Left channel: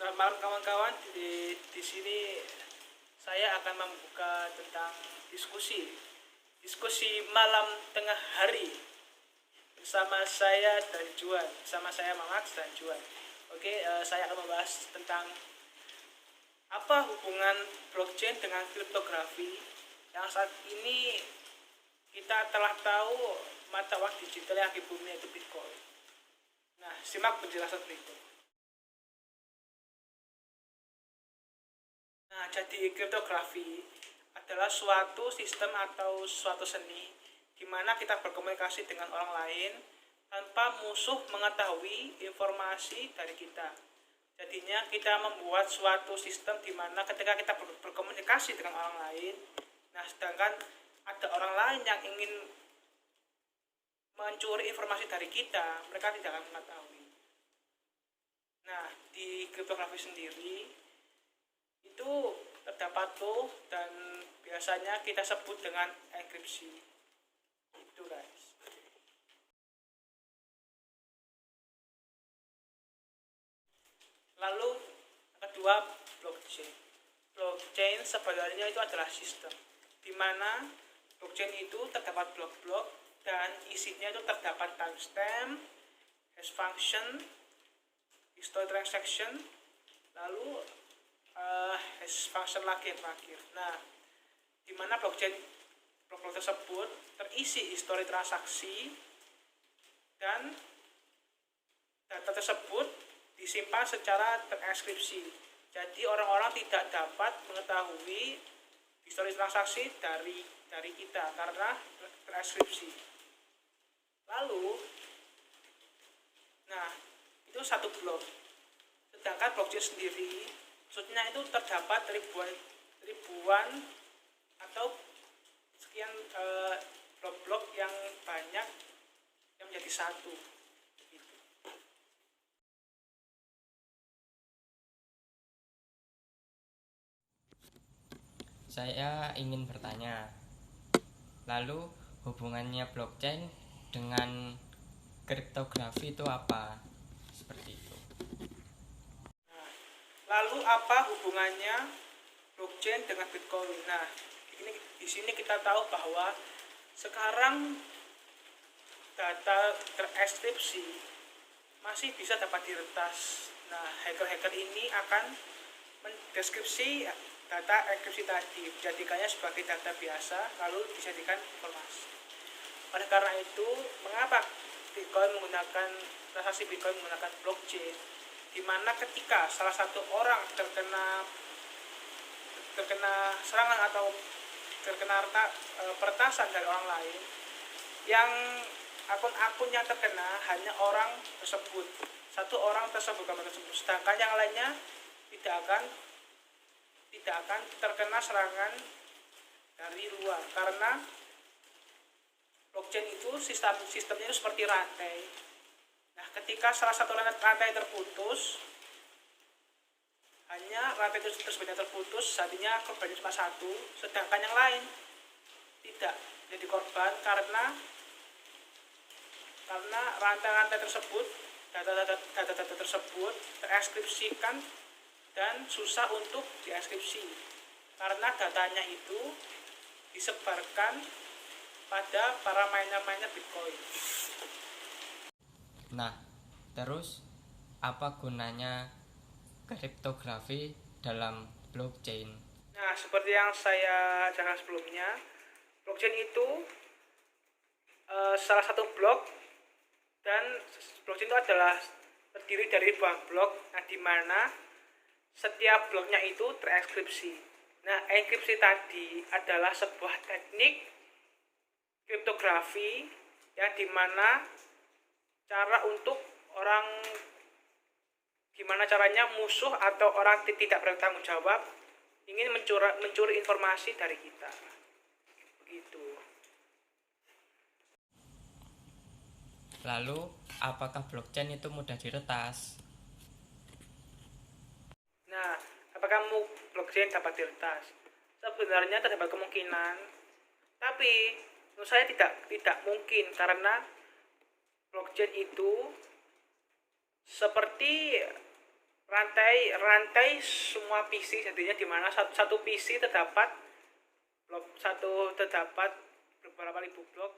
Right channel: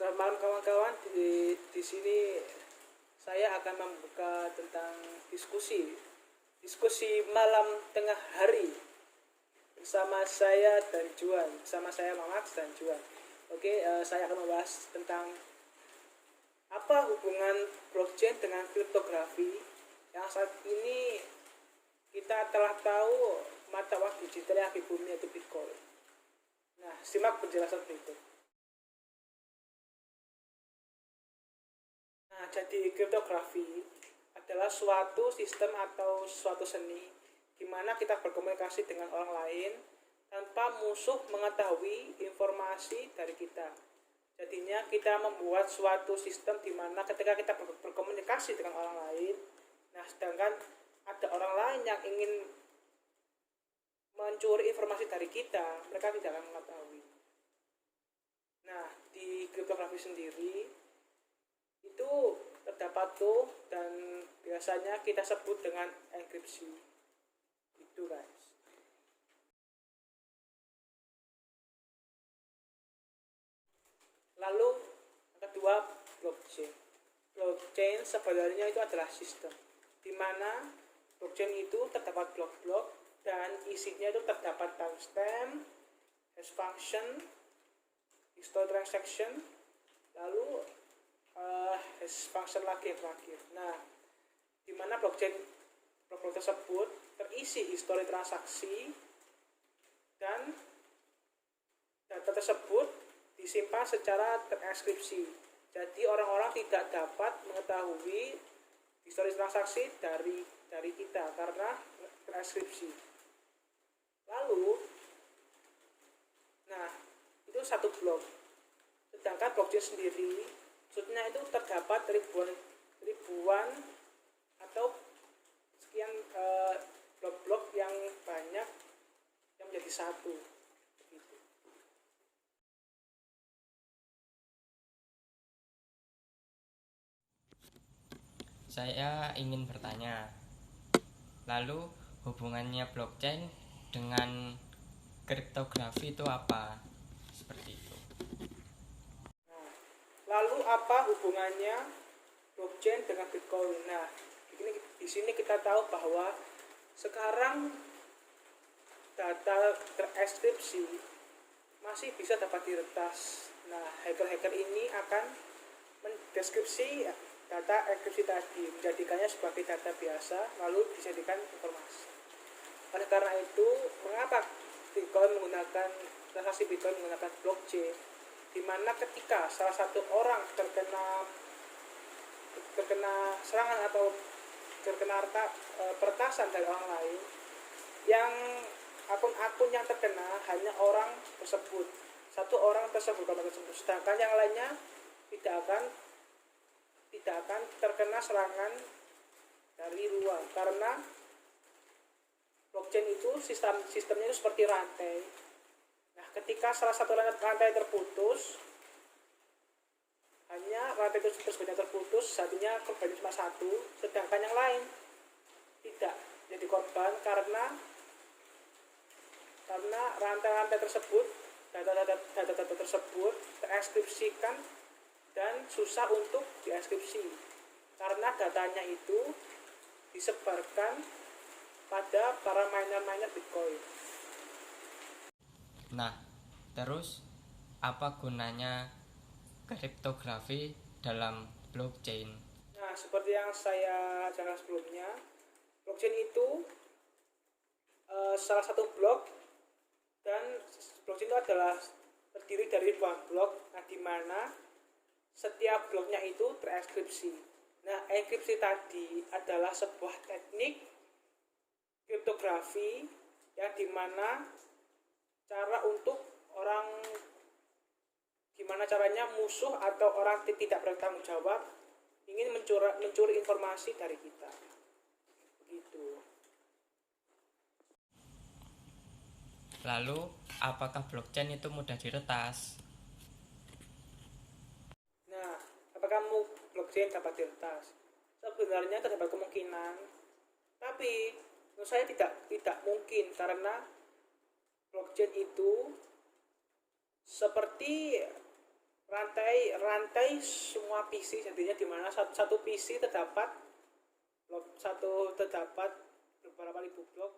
Selamat malam kawan-kawan. Di sini saya akan membuka tentang diskusi malam tengah hari bersama saya dan Juan, bersama saya Mamax dan Juan. Oke, saya akan membahas tentang apa hubungan blockchain dengan kriptografi yang saat ini kita telah tahu mata uang digital yang di bumi yaitu Bitcoin. Nah, simak penjelasan berikut. Nah, jadi kriptografi adalah suatu sistem atau suatu seni di mana kita berkomunikasi dengan orang lain tanpa musuh mengetahui informasi dari kita. Jadinya kita membuat suatu sistem di mana ketika kita berkomunikasi dengan orang lain, nah sedangkan ada orang lain yang ingin mencuri informasi dari kita, mereka tidak akan mengetahui. Nah, di kriptografi sendiri itu terdapat tuh dan biasanya kita sebut dengan enkripsi. Itu guys. Lalu yang kedua, blockchain. Blockchain sebenarnya itu adalah sistem di mana blockchain itu terdapat blok-blok dan isinya itu terdapat timestamp, hash function, history transaction, lalu hash function lagi yang terakhir. Nah, di mana blockchain blok-blok tersebut terisi histori transaksi dan data tersebut disimpan secara terenkripsi. Jadi orang-orang tidak dapat mengetahui histori transaksi dari kita karena terenkripsi. Lalu, nah itu satu blok. Sedangkan blockchain sendiri, maksudnya itu terdapat ribuan atau sekian blok-blok yang banyak yang menjadi satu. Begitu. Saya ingin bertanya, lalu hubungannya blockchain dengan kriptografi itu apa? Seperti itu. Nah, lalu apa hubungannya blockchain dengan Bitcoin? Nah, di sini kita tahu bahwa sekarang data terenkripsi masih bisa dapat diretas. Nah, hacker-hacker ini akan mendeskripsi data enkripsi tadi, menjadikannya sebagai data biasa, lalu dijadikan informasi. Oleh karena itu, mengapa Bitcoin menggunakan transaksi Bitcoin menggunakan blockchain? Di mana ketika salah satu orang terkena serangan atau terkena peretasan dari orang lain, yang akun-akun yang terkena hanya orang tersebut, satu orang tersebut, sedangkan yang lainnya tidak akan terkena serangan dari luar karena blockchain itu sistemnya itu seperti rantai. Nah, ketika salah satu rantai terputus, hanya rantai tersebutnya terputus, artinya korbannya cuma satu, sedangkan yang lain tidak jadi korban karena rantai-rantai tersebut, data-data tersebut terenkripsikan dan susah untuk dienkripsi karena datanya itu disebarkan pada para miner Bitcoin. Nah, terus apa gunanya kriptografi dalam blockchain? Nah, seperti yang saya jelaskan sebelumnya, blockchain itu salah satu blok, dan blockchain itu adalah terdiri dari ribuan blok, nah di mana setiap bloknya itu terenkripsi. Nah, enkripsi tadi adalah sebuah teknik kriptografi yang dimana gimana caranya musuh atau orang tidak bertanggung jawab ingin mencuri informasi dari kita. Begitu. Lalu apakah blockchain itu mudah diretas? Nah, apakah blockchain dapat diretas? Sebenarnya terdapat kemungkinan, tapi menurut saya tidak mungkin karena blockchain itu seperti rantai semua PC, jadinya di mana satu PC terdapat beberapa ribu blok